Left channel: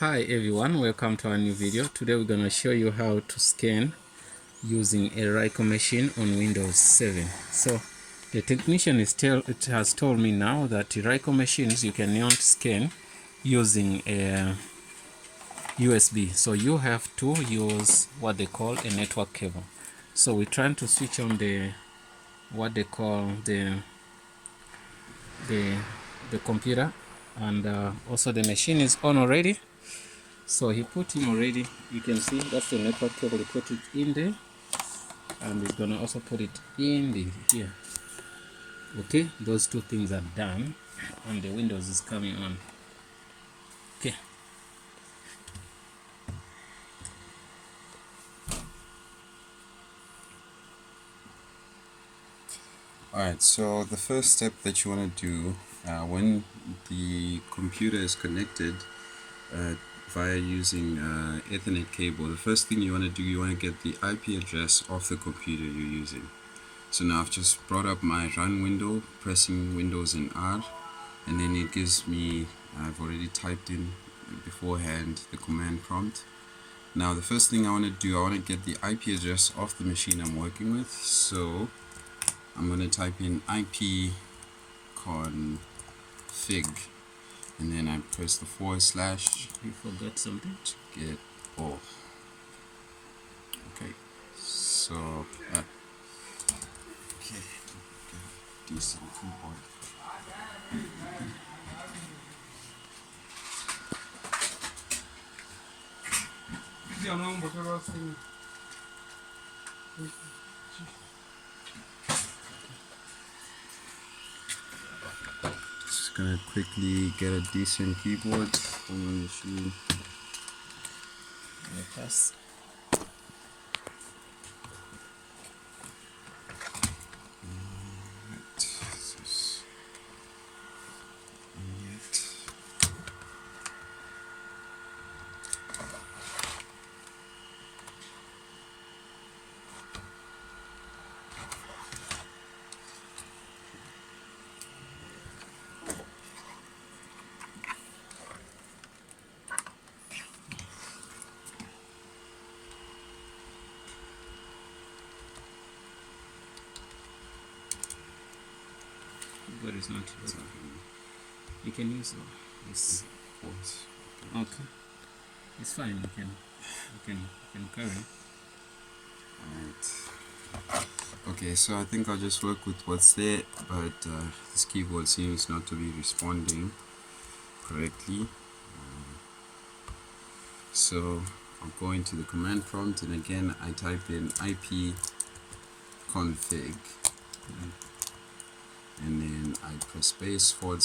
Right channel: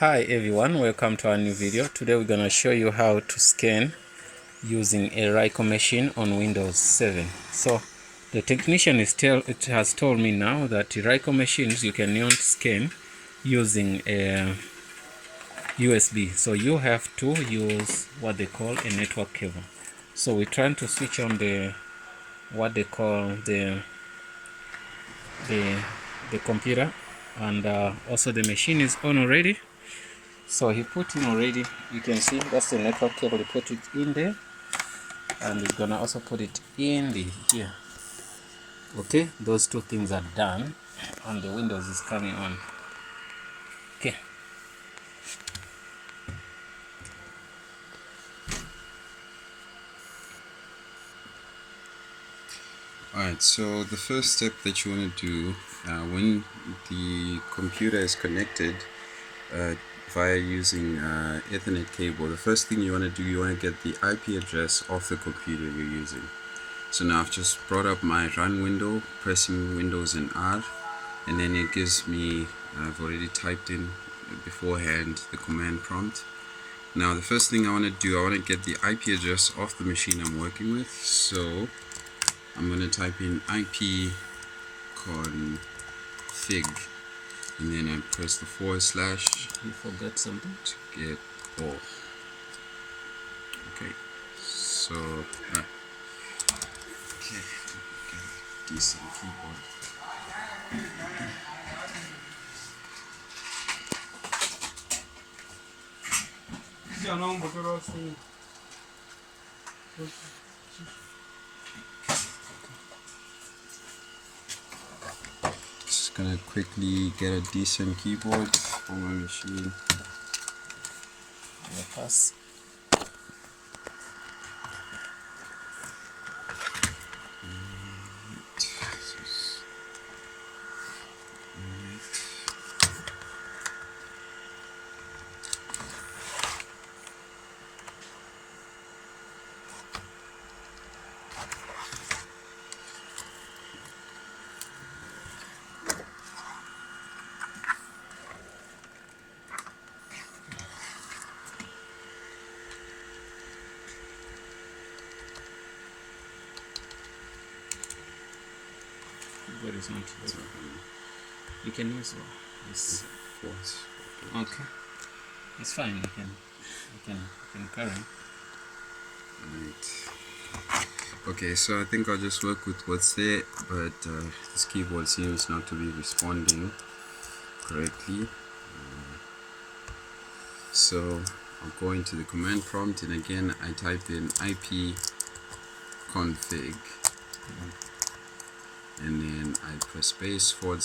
Hi everyone, welcome to our new video. Today we're going to show you how to scan using a Ricoh machine on Windows 7. So the technician has told me now that Ricoh machines you cannot scan using a USB. So you have to use what they call a network cable. So we're trying to switch on the what they call the computer, and also the machine is on already. So he put in already, you can see that's the network cable, he put it in there, and he's gonna also put it in the here. Okay, those two things are done and the Windows is coming on. Okay, Alright, so the first step that you want to do when the computer is connected via using Ethernet cable, the first thing you want to do, you want to get the IP address of the computer you're using. So now I've just brought up my run window, pressing Windows and R, and then it gives me, I've already typed in beforehand the command prompt. Now the first thing I want to do, I want to get the IP address of the machine I'm working with. So I'm going to type in IP config, and then I press the / you forgot something. to get all. Okay, so okay, get a decent keyboard. Just gonna quickly get a decent keyboard for my machine. Pass. But it's not yours. You can use this. Okay, it's fine. You can carry. Right. Okay, so I think I'll just work with what's there, but this keyboard seems not to be responding correctly. So I'll go into the command prompt, and again I type in IP config, and then I press space / all.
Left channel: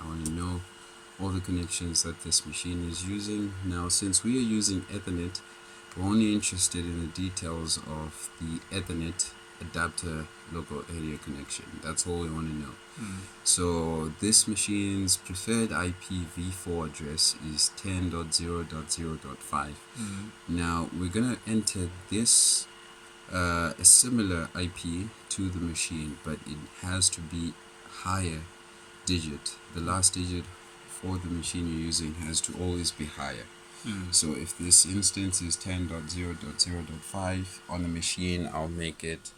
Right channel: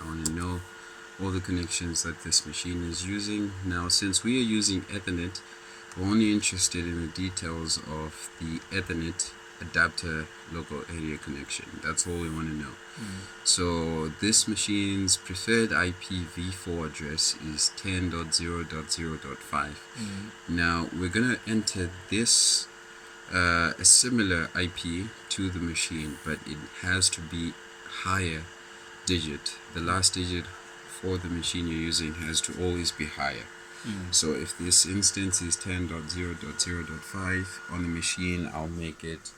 I want to know all the connections that this machine is using. Now, since we are using Ethernet, we're only interested in the details of the Ethernet adapter local area connection. That's all we want to know. So this machine's preferred IPv4 address is 10.0.0.5. Now we're gonna enter this a similar IP to the machine, but it has to be higher digit. The last digit for the machine you're using has to always be higher. So if this instance is 10.0.0.5 on the machine, I'll make it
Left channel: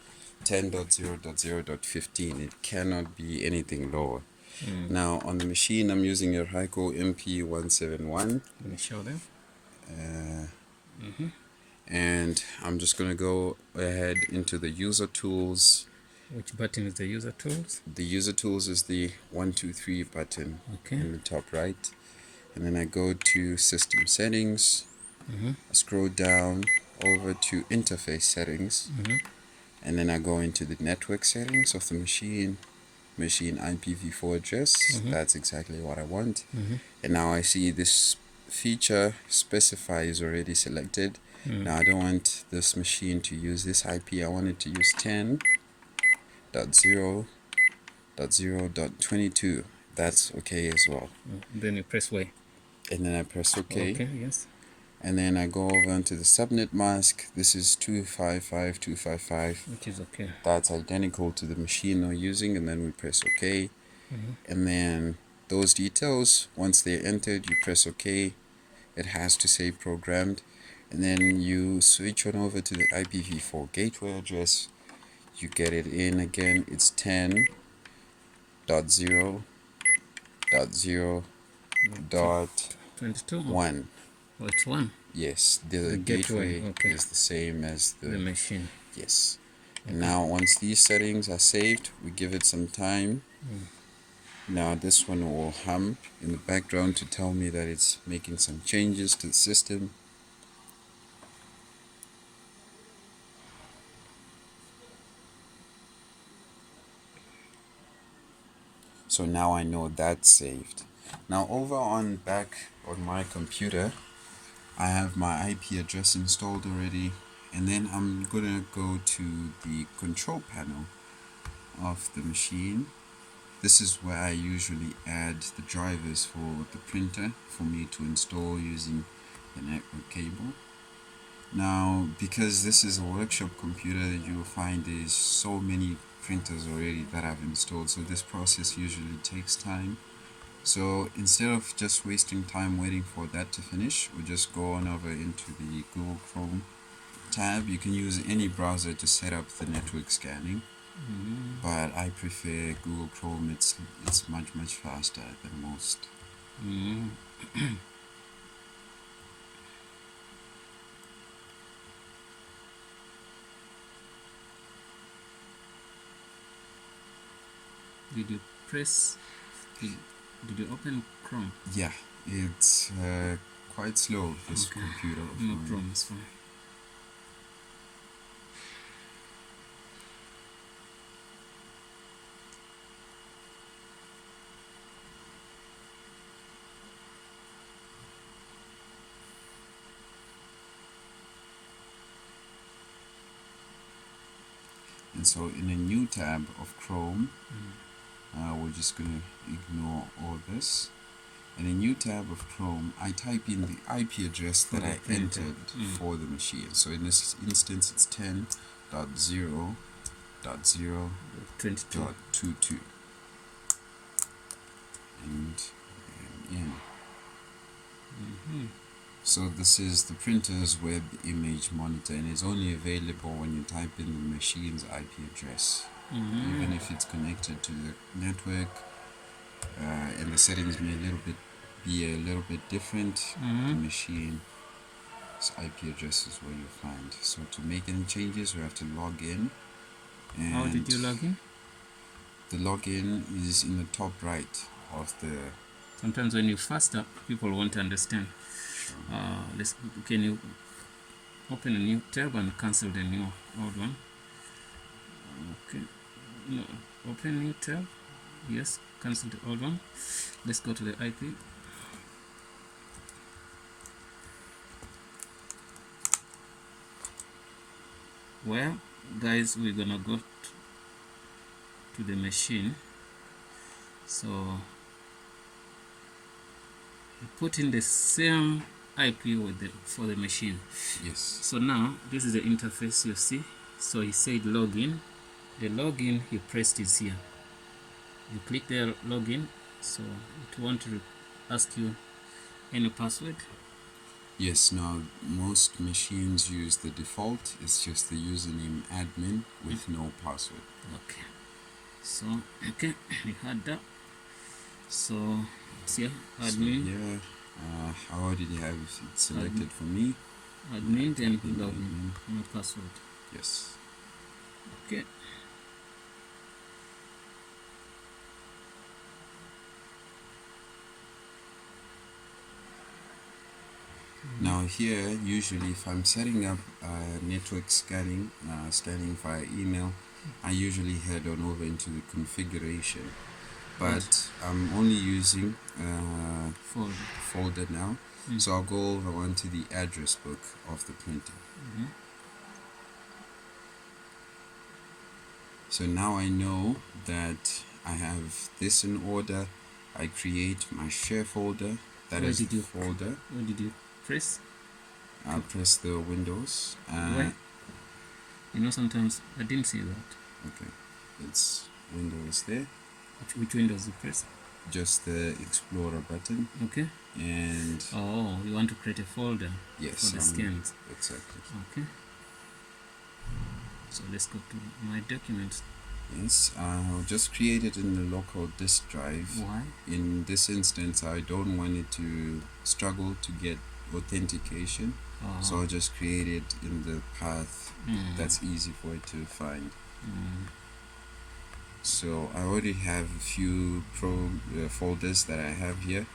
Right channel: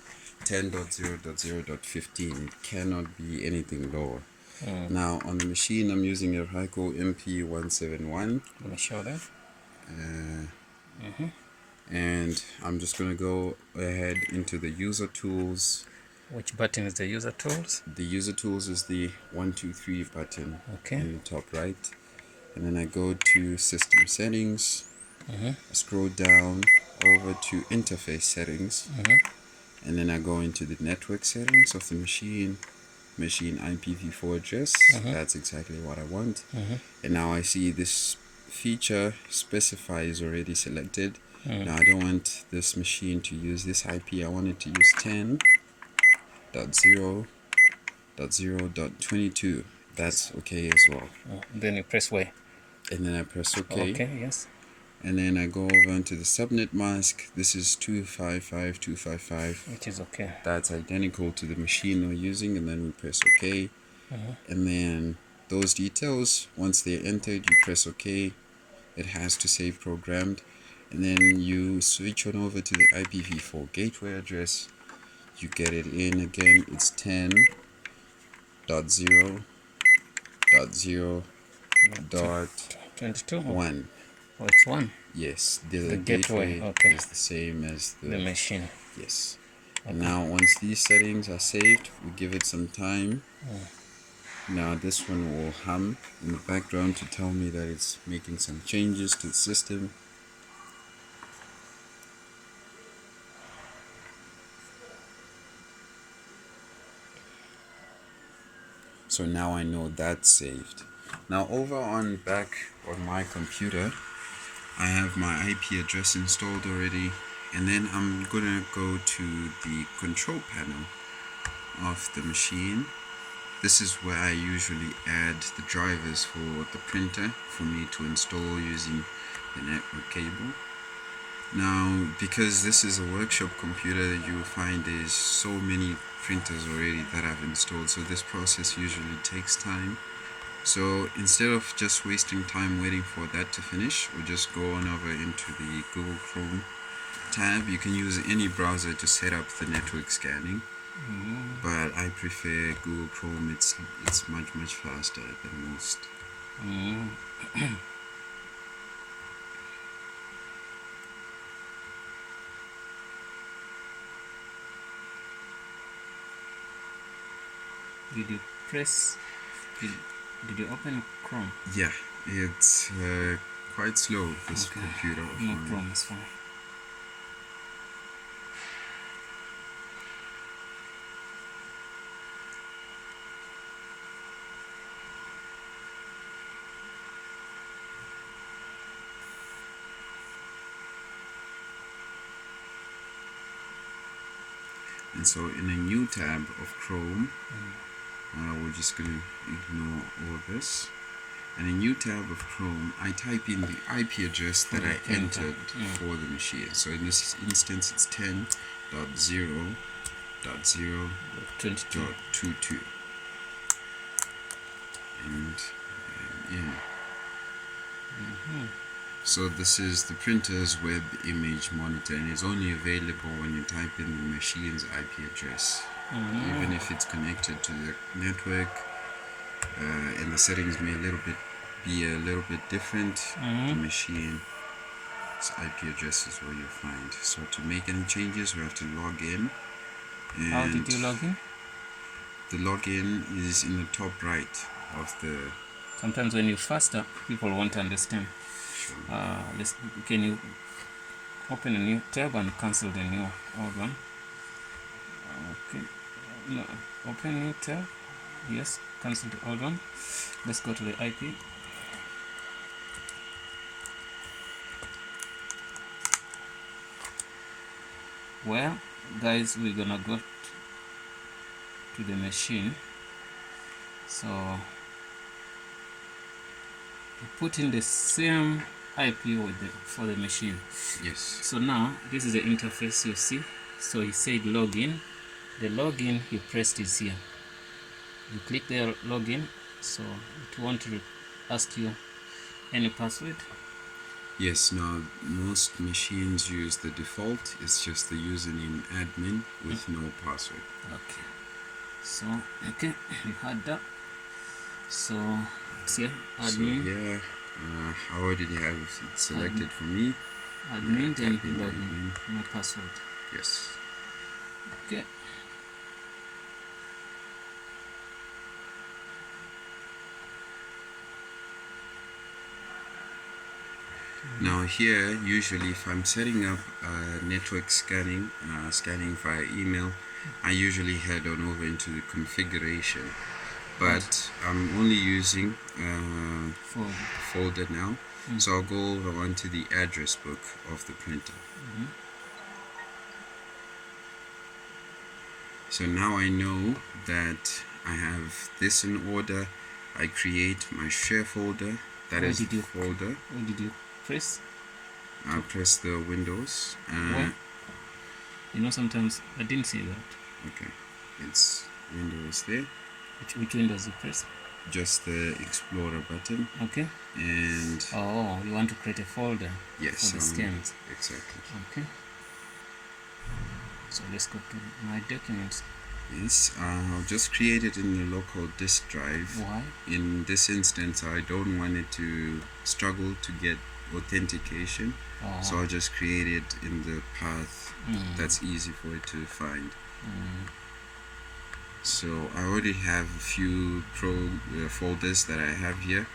10.0.0.15. It cannot be anything lower. Now on the machine I'm using a Ricoh MP161. Let me show them. And I'm just gonna go ahead into the user tools. Which button is the user tools? The user tools is the 1, 2, 3 button in the top right, and then I go to system settings. I scroll down over to interface settings, and then I go into the network settings of the machine IPv4 address. That's exactly what I want. And now I see this feature specify is already selected. Now I don't want this machine to use this IP. I want it to use 10.0.0.22. That's okay as well. Then you press Y. And then I press OK. Okay, yes. And then I go over into the subnet mask. This is 255.255. Which is okay. That's identical to the machine we're using. And then we press OK. And then those details, once they're entered, you press OK. it has to say programmed, and then you switch on over to the IPv4 gateway address. You get it in again. It's 10.0.0.1. Oh, it's 1. Yes, the gateway, gateway okay. is the same as The machine. Yes. Okay. Now once these settings are saved, we give it some time. Now this one will hum in the background to tell me that it's making some changes to the system. So now I know that's saved. Now over on back on my computer, I have my IP address installed already, and then I'm gonna go to the control panel of the machine. This is where I usually add the drivers for the printer for me to install using the network cable. Now, because this is a workshop computer, you will find there's so many printers already that I've installed, so this process usually takes time. So instead of just wasting time waiting for that to finish, we'll just go on over into the Google Chrome tab. You can use any browser to set up the network scanning, but I prefer Google Chrome. It's much faster than most. Did you press? Did you open Chrome? Yeah, it's quite slow, this Okay. computer. No problem, it's fine. And so in a new tab of Chrome, we're just going to ignore all this. In a new tab of Chrome, I type in the IP address that I entered for the machine. So in this instance, it's 10.0.0.22. And in. So this is the printer's web image monitor, and it's only available when you type in the machine's IP address. Even if it's connected to the network, and the settings may be a little bit different, the machine's IP address is where you'll find. So to make any changes, we have to log in. And how did you log in? The login is in the top right of the... Sometimes when you faster, people won't understand. Can you open a new tab and cancel the new old one? Okay. No, open new tab. Yes, cancel the old one. Let's go to the IP. Well, guys, we're gonna go to the machine. So you put in the same IP for the machine. Yes. So now this is the interface you see. So he said login. The login he pressed is here. You click the login. So it won't ask you any password. Yes, now most machines use the default. It's just the username admin with no password. Okay. So okay, you had that. So it's here, admin. So yeah, I already have it selected for me. Admin and Type in login. No password. Yes. Okay. Now here, usually if I'm setting up network scanning, scanning via email, I usually head on over into the configuration. But I'm only using folder now, so I'll go over onto the address book of the printer. So now I know that I have this in order. I create my share folder. That is the folder. What did you press? I press the Windows. You know, sometimes I didn't see that. Okay, it's Windows there. Which Windows you press? just the Explorer button. Okay. And oh, you want to create a folder yes, for the scans. exactly. Okay. So let's go to my documents. Yes, I'll just create it in the local disk drive. Why? In this instance, I don't want it to struggle to get authentication, so I'll just create it in the path that's easy for it to find. So I already have a few folders that I have here,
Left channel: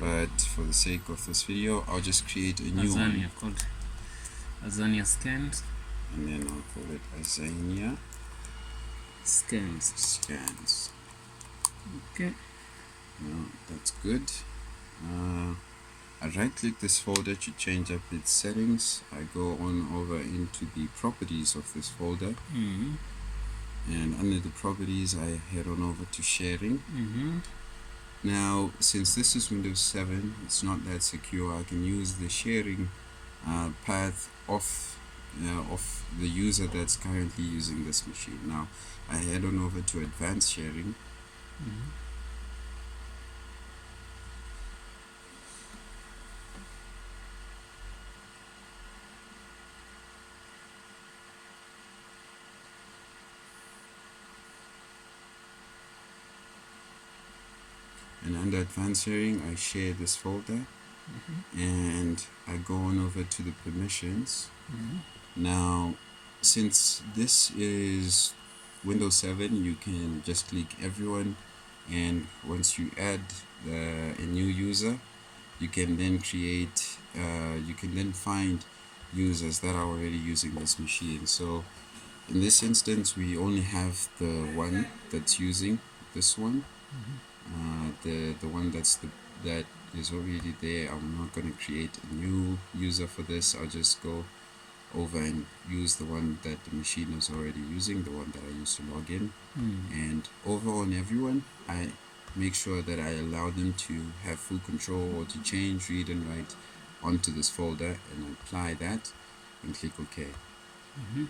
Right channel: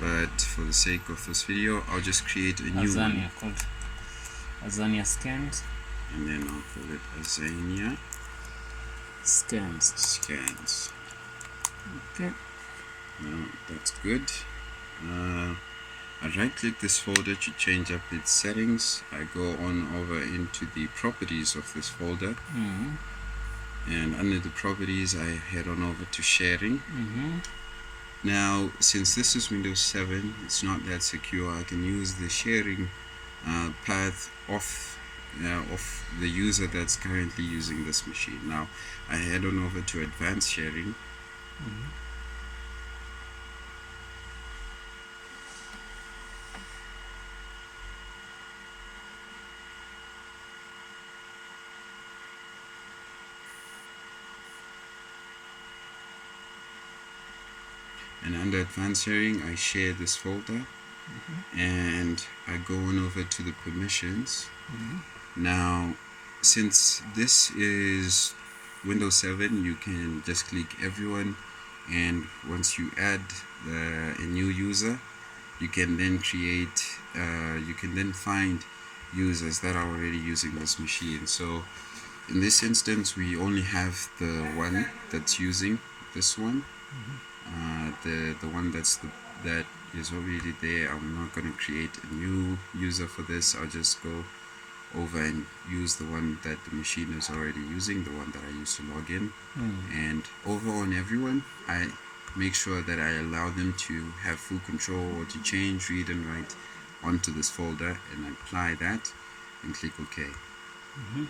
but for the sake of this video, I'll just create a new one. Called Azania scans. And then I'll call it Azania scans. Okay. Now that's good. I right click this folder to change up its settings. I go on over into the properties of this folder, and under the properties I head on over to sharing. Now since this is Windows 7, it's not that secure. I can use the sharing path of the user that's currently using this machine. Now I head on over to advanced sharing. And under advanced sharing, I share this folder, and I go on over to the permissions. Now, since this is Windows 7, you can just click everyone, and once you add a new user, you can then create, you can then find users that are already using this machine. So in this instance, we only have the one that's using this one. The one that is already there. I'm not going to create a new user for this. I'll just go over and use the one that the machine is already using, the one that I used to log in. And over on everyone, I make sure that I allow them to have full control, or to change, read and write onto this folder, and I apply that and click OK.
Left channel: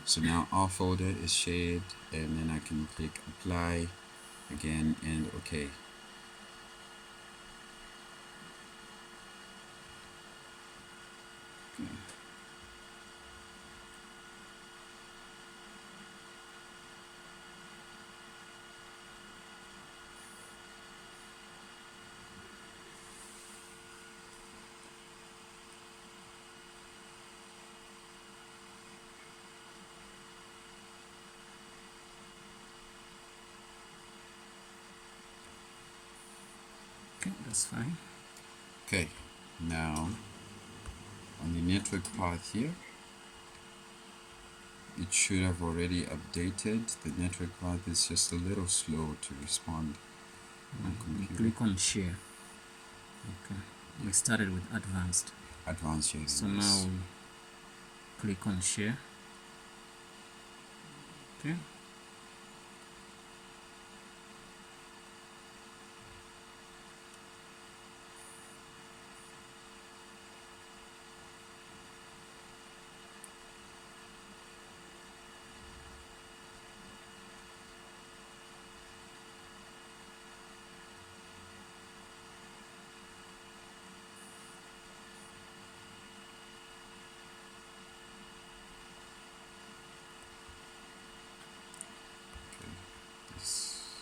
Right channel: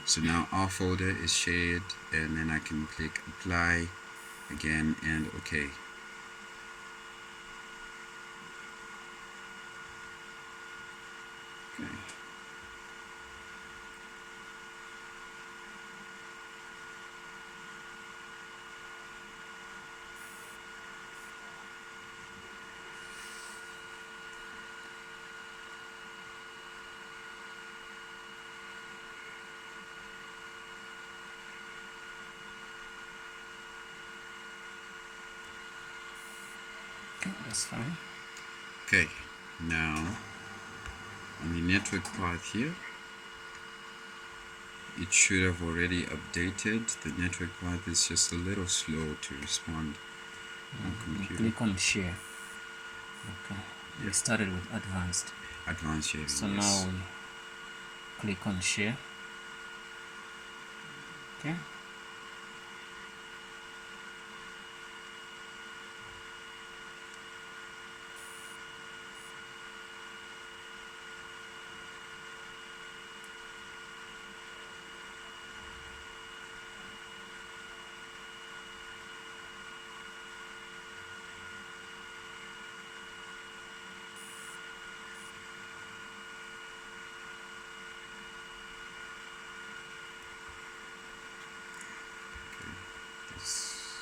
So now our folder is shared, and then I can click apply again and OK. That's fine. Okay, now on the network path here, it should have already updated. The network path is just a little slow to respond on computer. Click on share. Okay. We started with advanced. Advanced sharing. So now we click on share. Okay.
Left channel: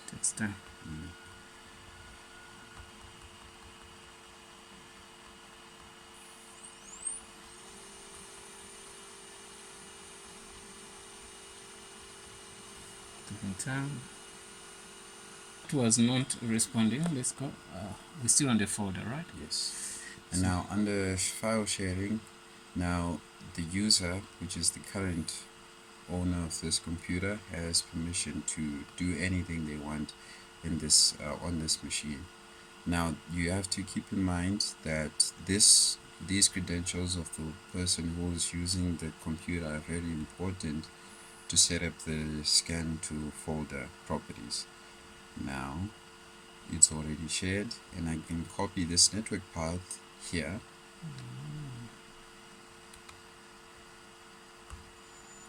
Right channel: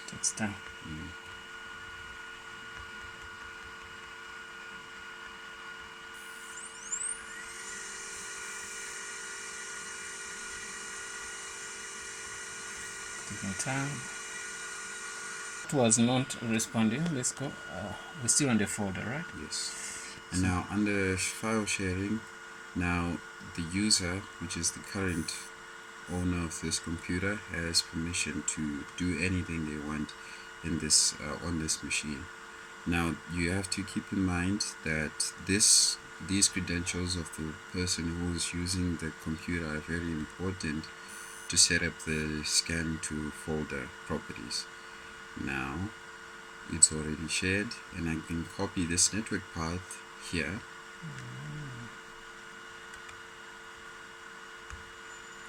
Takes time. Taking time. It was not responding. Let's go. We're still on the folder, right? Yes. And now under file sharing, now the user, which is the current owner of this computer, has permission to do anything they want in this on this machine. Now you have to keep in mind that these credentials of the person who is using the computer are very important to set up the scan to folder properties. Now it's already shared, and I can copy this network path here.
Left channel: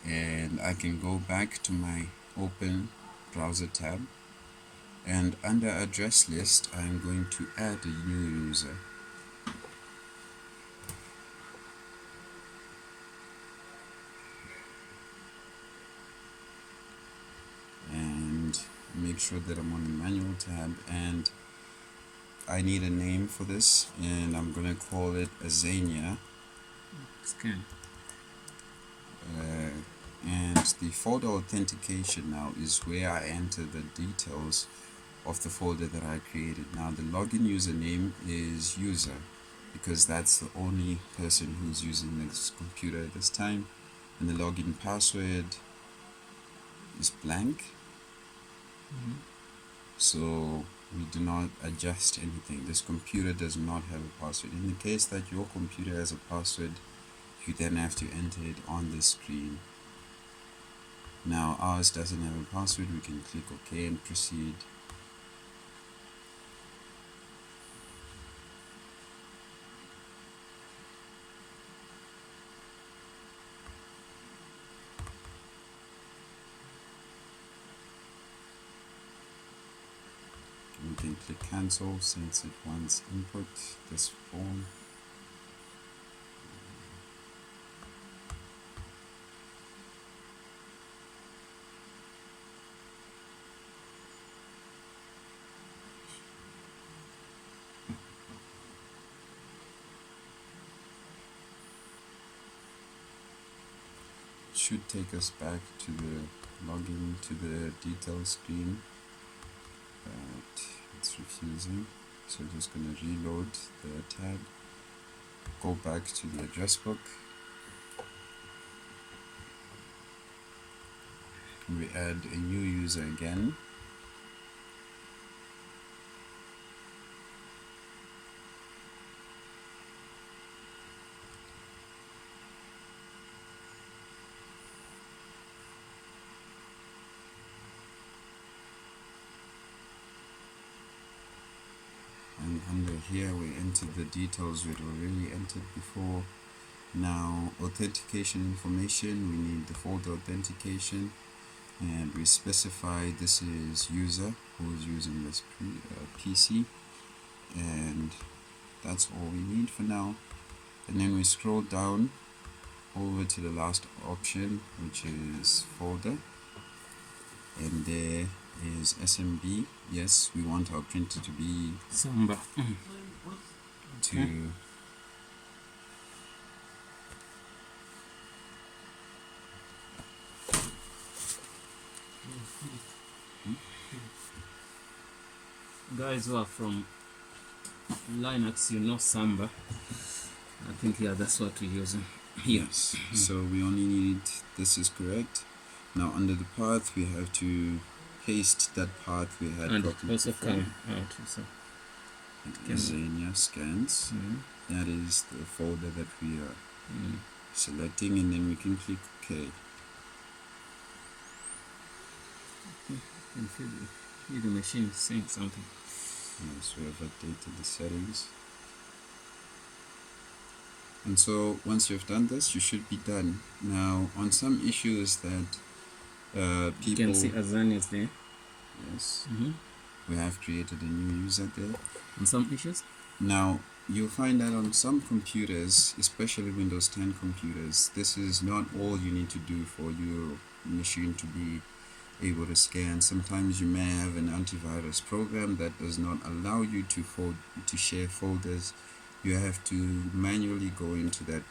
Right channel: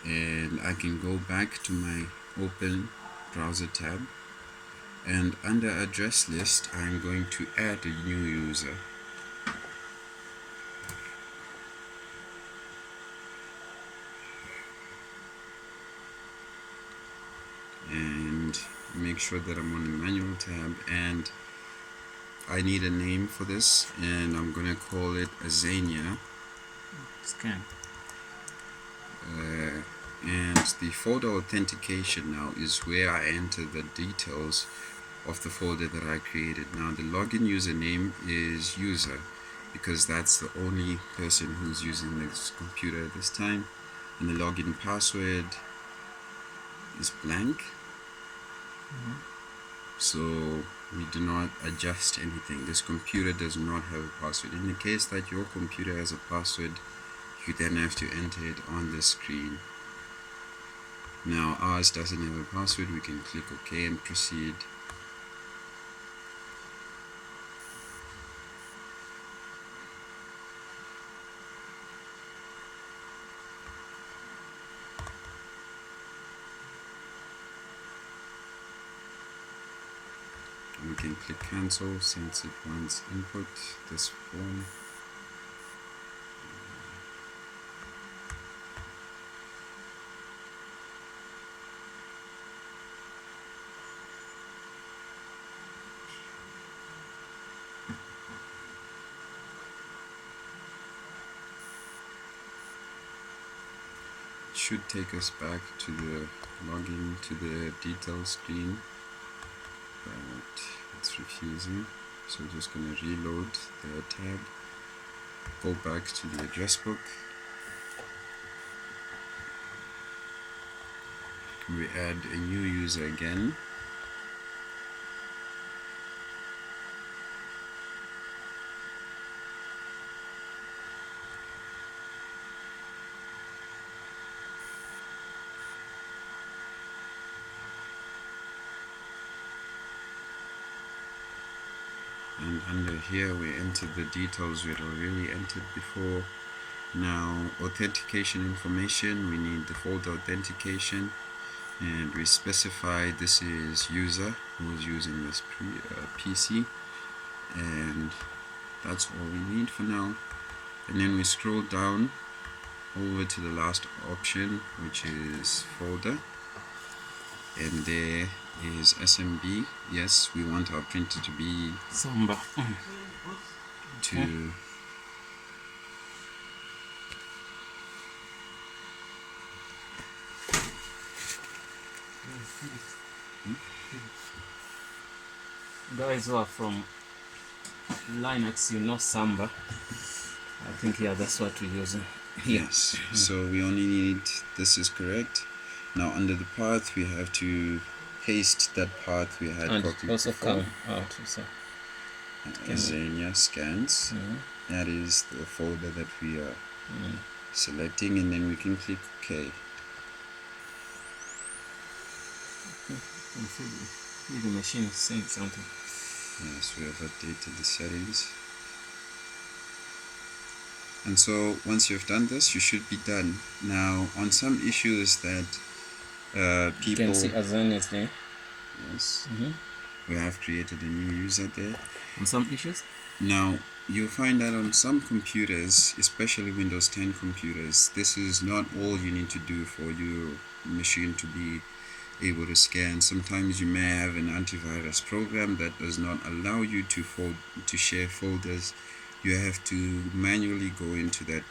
And I can go back to my open browser tab, and under address list I'm going to add a new user. And make sure that I'm on the manual tab, and I need a name for this, and I'm gonna call it Azania Scan. And the folder authentication now is where I enter the details of the folder that I created. Now the login username is user, because that's the only person who's using this computer at this time, and the login password is blank. So we do not adjust anything. This computer does not have a password. In the case that your computer has a password, you then have to enter it on the screen. Now ours doesn't have a password. We can click OK and proceed. We can click cancel since it wants input this form. It should take us back to the login to the details screen, but it's refusing, so I'm just going to reload the tab, go back to the address book, we add a new user again, and under here we enter the details we'd already entered before. Now authentication information, we need the folder authentication, and we specify this is user who's using this PC, and that's all we need for now. And then we scroll down over to the last option, which is folder, and there is SMB. Yes, we want our printer to be Samba. to Guys who are from Linux, you know Samba. I think that's what we're using here. yes. So we only need, this is correct. Now under the path we have to paste that path we had And copied also before. come out. So. Xenia scans. That is the folder that we are selecting, and then we can click OK. You see the machine is saying something. Yes, we have updated the settings. And so once you've done this, you should be done. Now on some issues that people You can see Azania's there. Yes. We have created a new user there. On some issues? Now you'll find that on some computers, especially Windows 10 computers, this is not all you need to do for your machine to be able to scan. Sometimes you may have an antivirus program that does not allow you to share folders. You have to manually go into that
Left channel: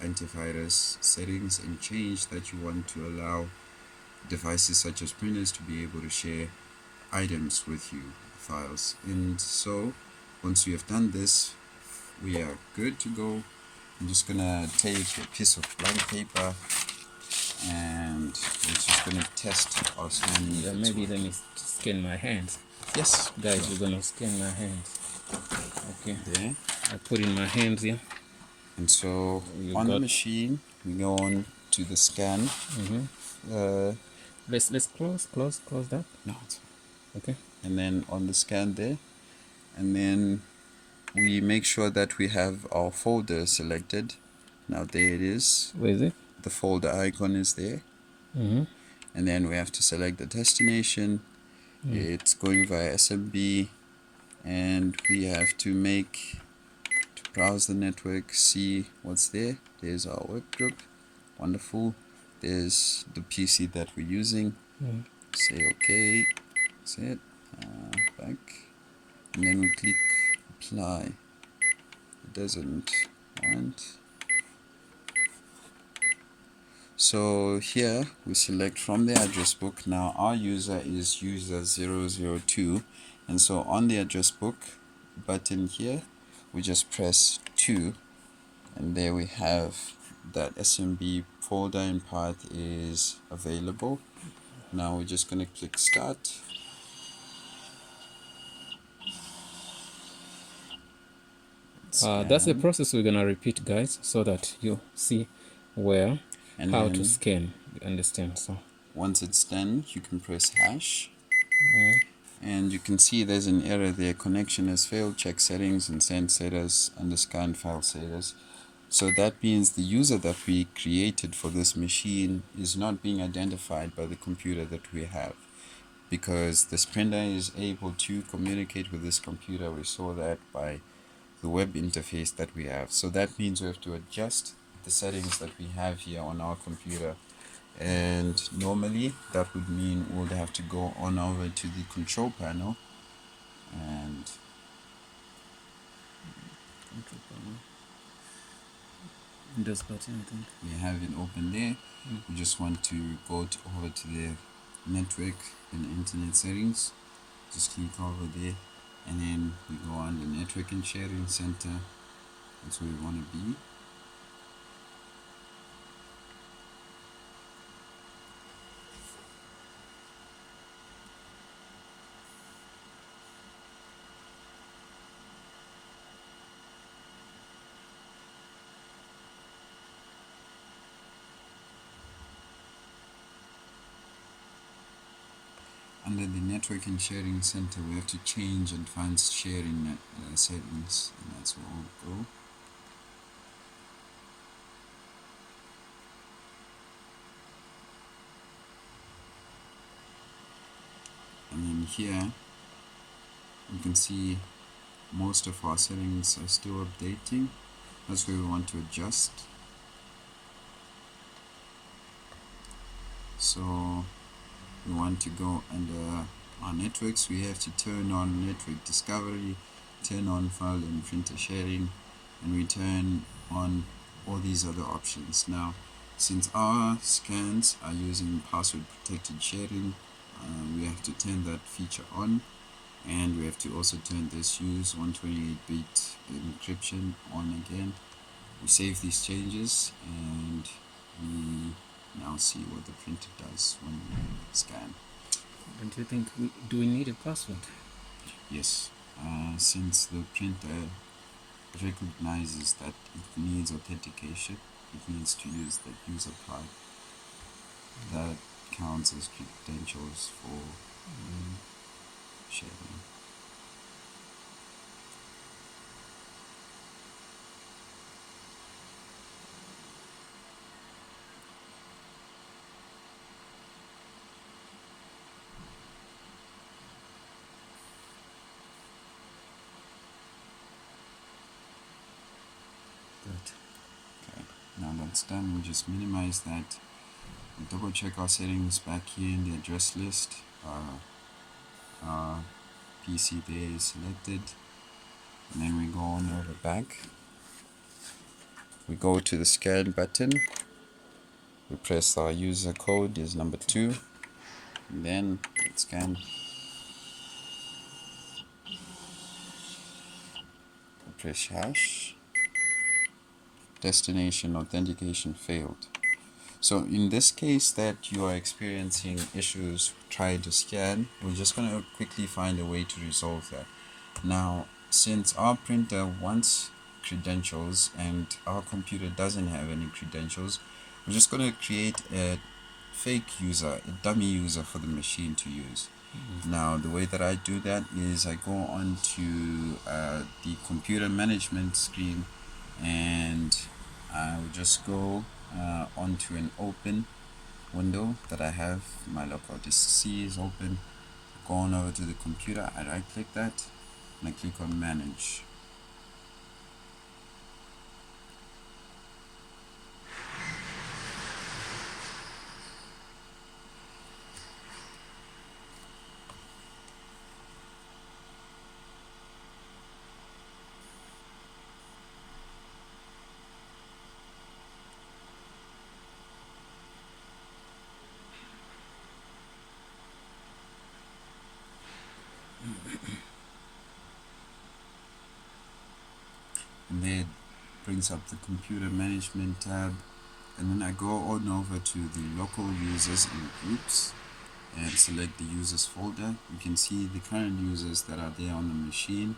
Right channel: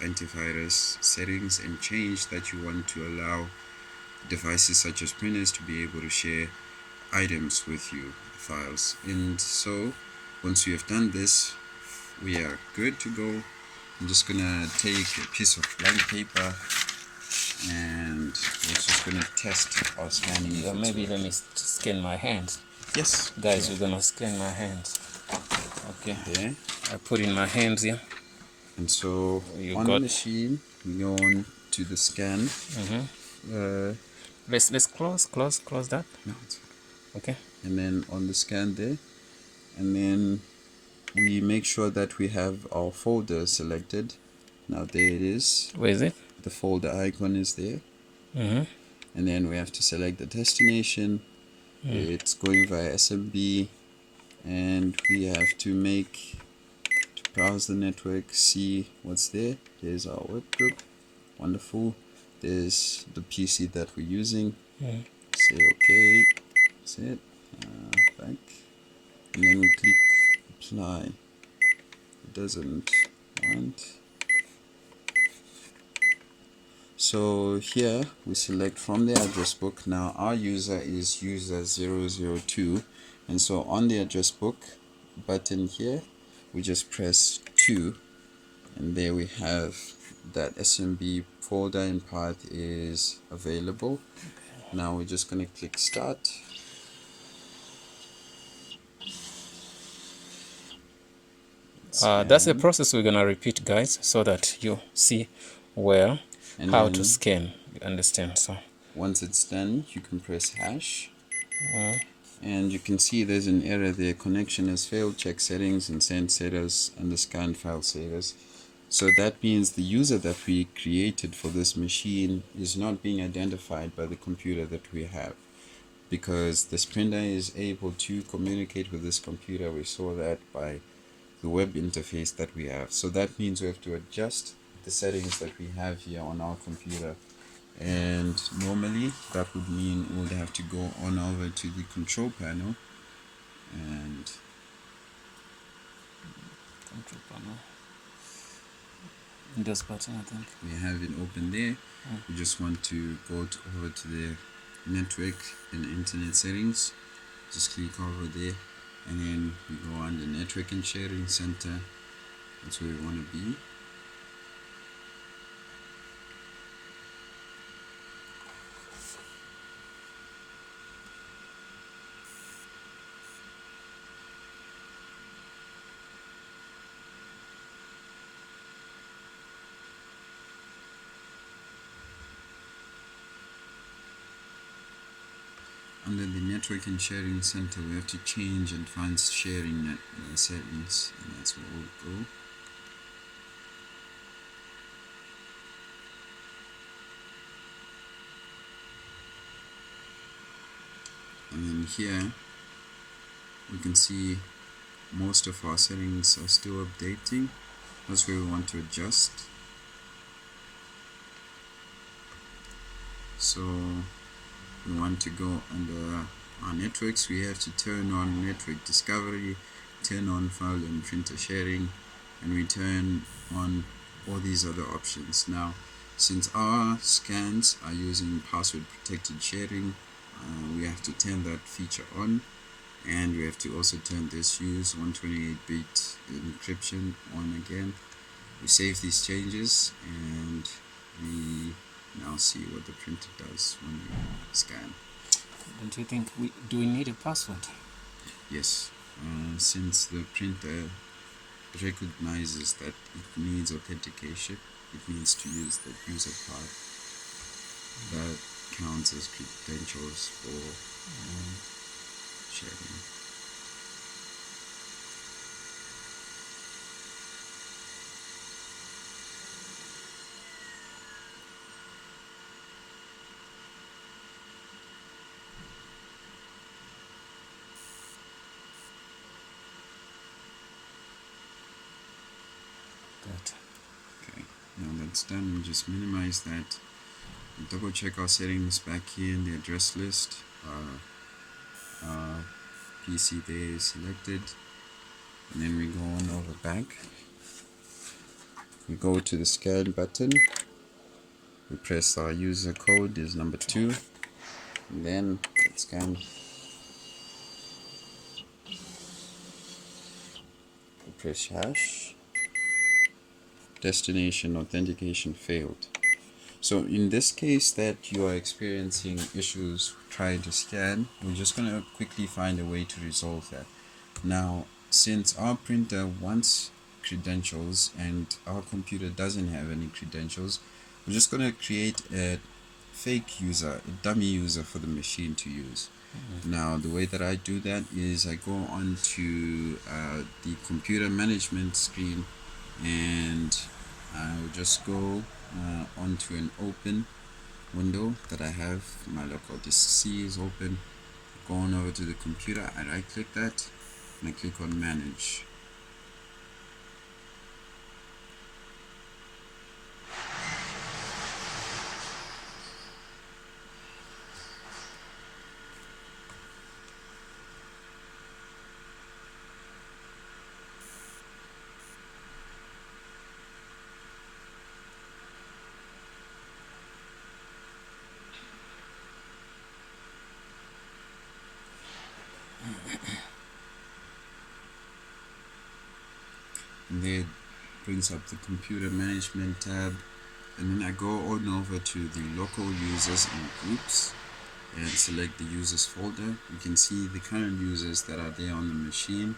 antivirus settings and change that you want to allow devices such as printers to be able to share items with you, files. And so once you have done this, we are good to go. I'm just gonna take a piece of blank paper and we're just gonna test our scanning. Yeah, maybe let me scan my hands. Yes, guys, sure. we're gonna scan my hands. Okay, there. I put in my hands here, and so You on got- the machine we go on to the scan. let's close that. No, Okay, and then on the scan there, and then we make sure that we have our folder selected. Now there it is, where is it? the folder icon is there. And then we have to select the destination, It's going via SMB, and we have to browse the network, see what's there. There's our work group. Wonderful. There's the PC that we're using. Say OK. That's it. Back. And then we click apply. It doesn't want. So here we select from the address book. Now our user is user 002, and so on the address book button here we just press 2, and there we have that SMB folder and path is available. Now we're just going to click start. That's the process we're gonna repeat, guys, so that you see well And how then to scan. Understand? So once it's done, you can press hash, and you can see there's an error there. Connection has failed. Check settings and send setters under scan file savers. So that means the user that we created for this machine is not being identified by the computer that we have, because this printer is able to communicate with this computer. We saw that by the web interface that we have. So that means we have to adjust the settings that we have here on our computer, and normally that would mean we would have to go on over to the control panel, and Windows button, I think. we have it open there. We just want to go over to the network and internet settings. Just click over there, and then we go on the network and sharing center. That's where we want to be. Under the network and sharing center, we have to change advanced sharing settings, and that's where we'll go. And then here we can see most of our settings are still updating. That's where we want to adjust. So we want to go under our networks. We have to turn on network discovery, turn on file and printer sharing, and we turn on all these other options. Now, since our scans are using password protected sharing, we have to turn that feature on, and we have to also turn this use 128-bit encryption on again. We save these changes, and we now see what the printer does when we scan. Don't you think do we need a password? Yes, since the printer recognizes that it needs authentication, it needs to use the user part. That counts as credentials for sharing. Okay, now that's done, we'll just minimize that. We'll double check our settings back here in the address list. Our PC there is selected, and then we go on over back. We go to the scan button. We press our user code is number 2, and then let's scan. We press hash. Destination authentication failed. So in this case that you are experiencing issues trying to scan, we're just going to quickly find a way to resolve that. Now, since our printer wants credentials and our computer doesn't have any credentials, we're just going to create a fake user, a dummy user for the machine to use. Now, the way that I do that is I go on to the computer management screen, and I will just go onto an open window that I have. My local disk C is open. Go on over to the computer, I right click that, and I click on manage. And there it brings up the computer management tab, and then I go on over to the local users and groups and select the users folder. You can see the current users that are there on the machine.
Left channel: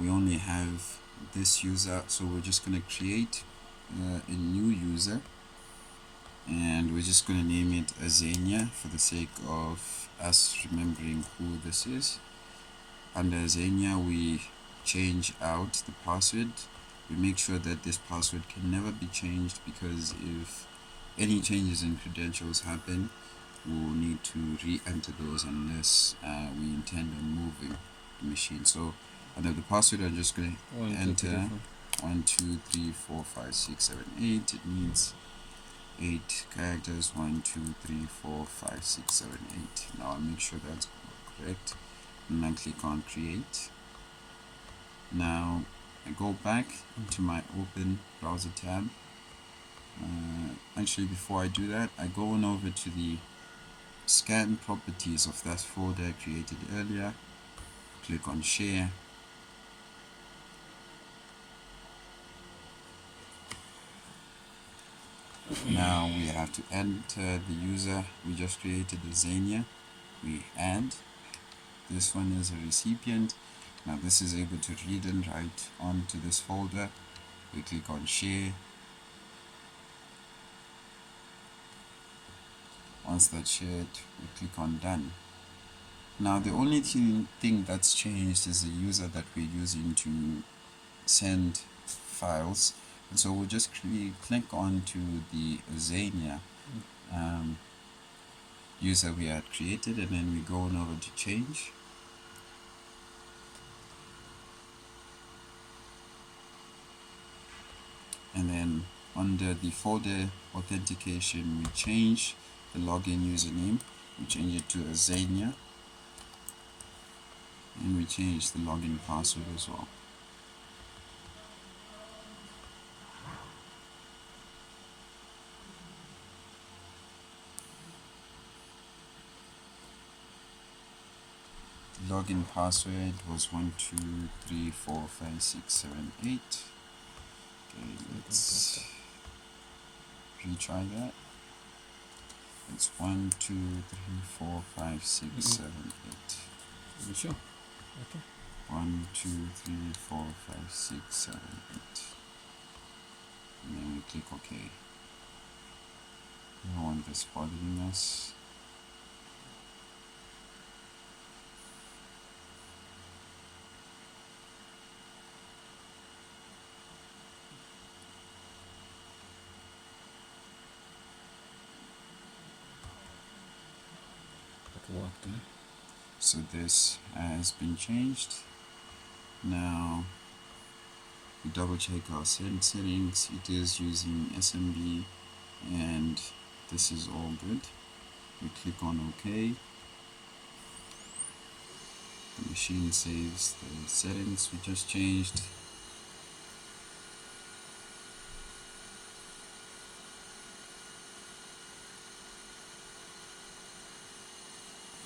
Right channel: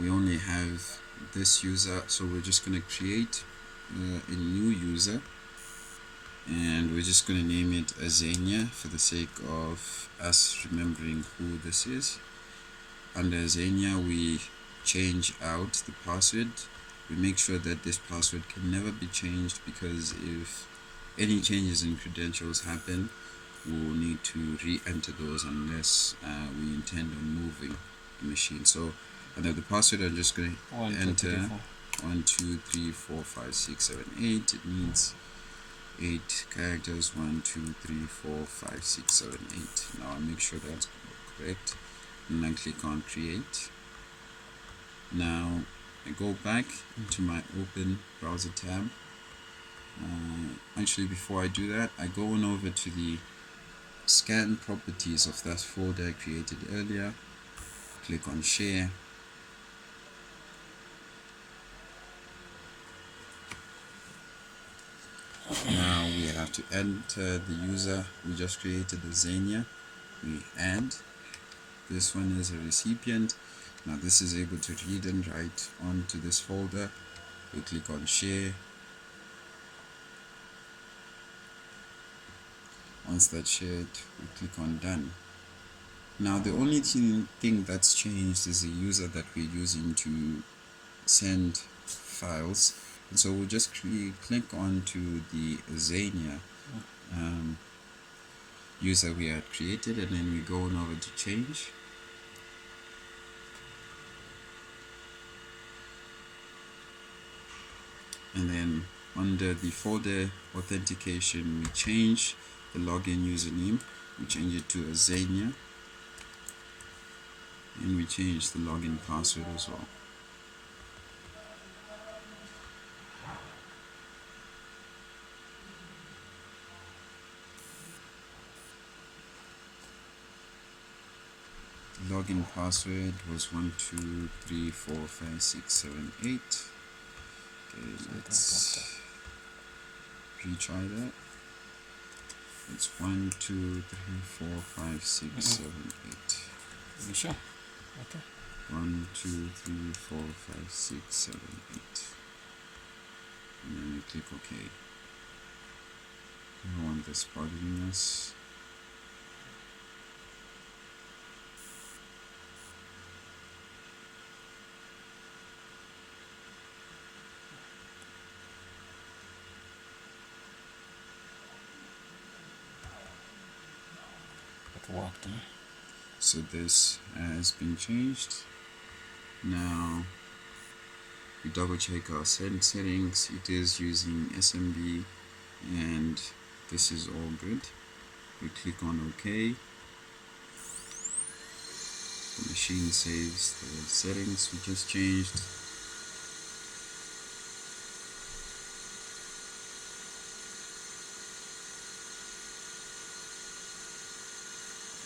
We only have this user, so we're just going to create a new user, and we're just going to name it Azania for the sake of us remembering who this is. Under Azania, we change out the password. We make sure that this password can never be changed, because if any changes in credentials happen, we'll need to re-enter those unless we intend on moving the machine. So under the password, I'm just going to enter 1 2 3 4 5 6 7 8. It needs 8 characters. 1 2 3 4 5 6 7 8. Now I make sure that's correct, and I click on create. Now I go back into my open browser tab. Actually, before I do that, I go on over to the scan properties of that folder I created earlier. Click on share. Now we have to enter the user we just created, the Xenia. We add this one as a recipient. Now this is able to read and write onto this folder. We click on share. Once that's shared, we click on done. Now the only thing that's changed is the user that we're using to send files, and so we'll just click on to the Xenia user we had created, and then we go on over to change. And then under the folder authentication, we change the login username, we change it to Xenia, and we change the login password as well. The login password was 1 2 3 4 5 6 7 8. Okay, let's retry that. It's 1 2 3 4 5 6 7 8. You sure? Okay. 1 2 3 4 5 6 7 8. And then we click OK. I don't want this bothering us. It worked. So this has been changed. Now we double check our settings. It is using SMB, and this is all good. We click on OK. The machine saves the settings we just changed.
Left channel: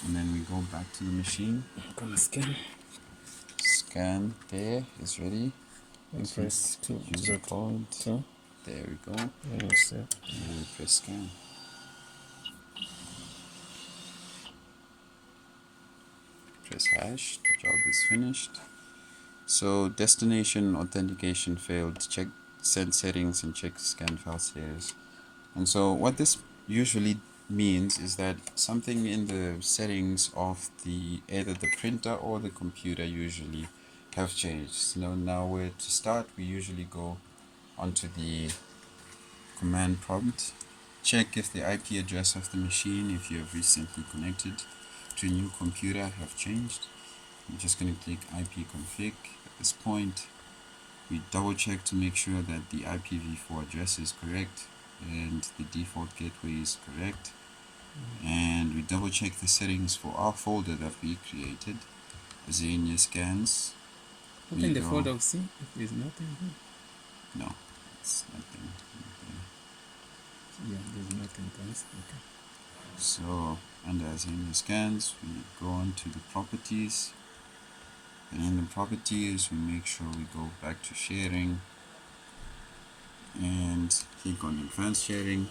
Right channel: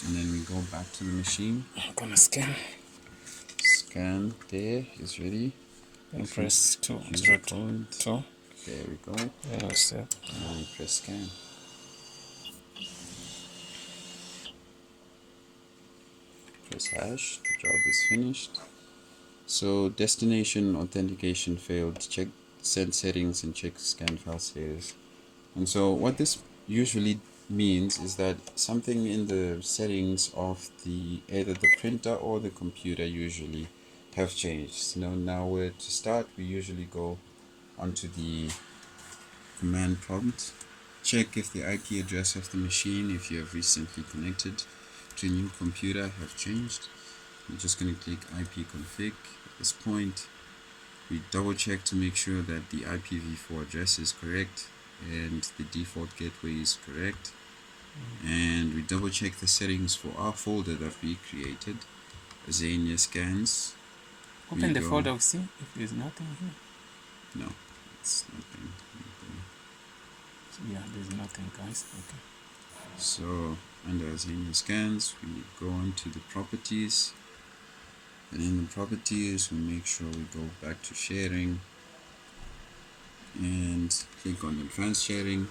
And then we go back to the machine. I'm gonna scan. Scan there is ready. And press 2. User code. 2. There we go. Yeah, that's it. And then we press scan. Press hash. The job is finished. So destination authentication failed. Check send settings and check scan file status. And so what this usually means is that something in the settings of the either the printer or the computer usually have changed. So now where to start, we usually go onto the command prompt, check if the IP address of the machine, if you have recently connected, to a new computer have changed. I'm just going to click IP config. At this point, we double check to make sure that the IPv4 address is correct and the default gateway is correct. And we double check the settings for our folder that we created, Xenia scans. Open the folder, see if there's nothing here. No, it's nothing. Yeah, there's nothing, guys. Okay. So under Xenia scans, we go on to the properties, and in the properties, we make sure we go back to sharing and click on advanced sharing.